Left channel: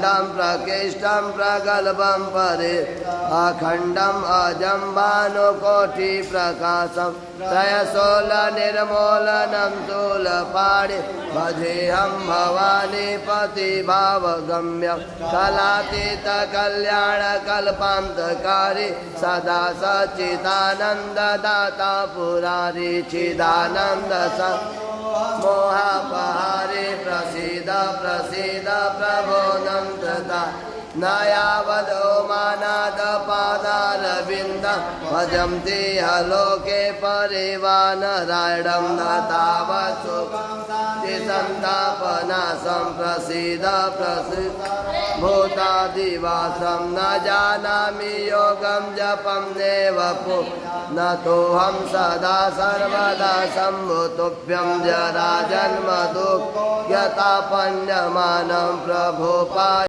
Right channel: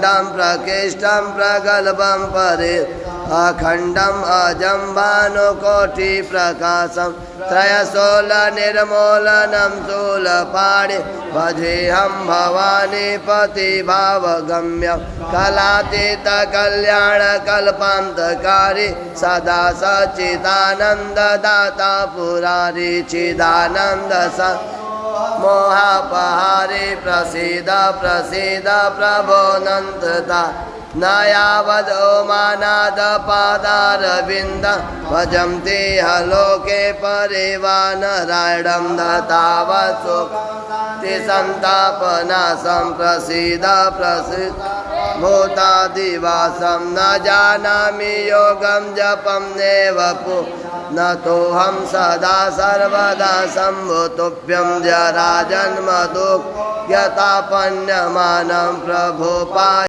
अखण्डं प्रकृष्टं प्रगल्भं परे अखण्डम् अजं भानुकोटिप्रकाशं त्रयशूलनिर्मूलनं शूलपाणि भजेऽहं भवानीपतिभावगम्यं कलातीतकल्याणकल्पान्तकारी सदा सच्चिदानन्ददाता पुरारी चिदानन्द मोहापहारे प्रसीद प्रसीद प्रभो नन्ददा न यावदो मानादपादारविन्द भजन्ति हलोके परिवानरायणं न तावत् सुखं सन्तापनाशं प्रसीद प्रसीद भूतादिवासं न जानामि योगं जपं नेव न तोऽहं सदा सर्वदा शम्भुतुभ्यं जराजन्म दुःखतापन्यमानं प्रभो पाहि